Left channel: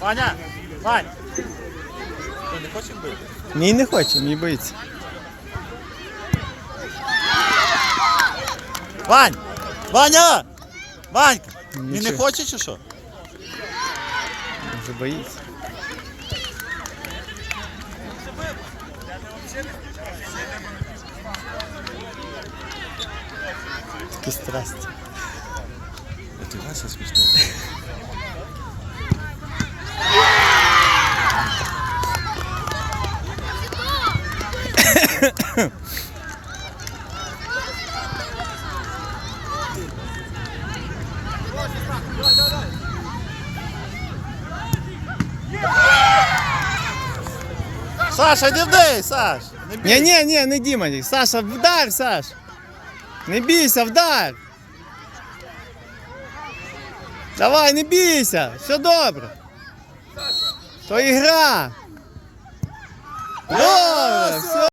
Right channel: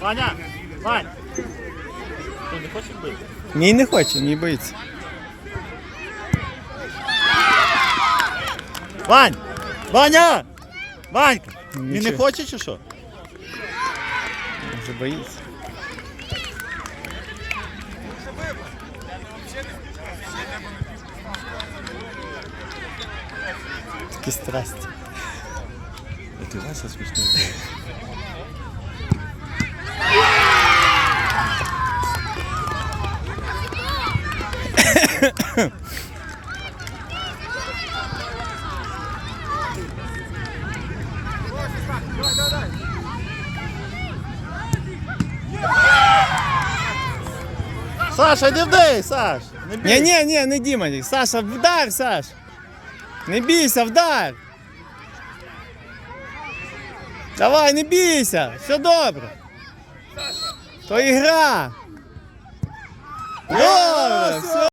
Ваня! Вань! Ти не хочеш бити? Мій не хоче, мій боїться. Вань! Ваня! Ванька! Він не Нічого. хоче чи що? Може боїться. Такі страсті. Це Вася смішний. Саша, не вдай, Саш! Не бій. Ні, ні, ні, не Діма. Саша, вдар, Саш. Не бійся, вдар. Давай, не бійся, все добре. То ігра. Добре, все.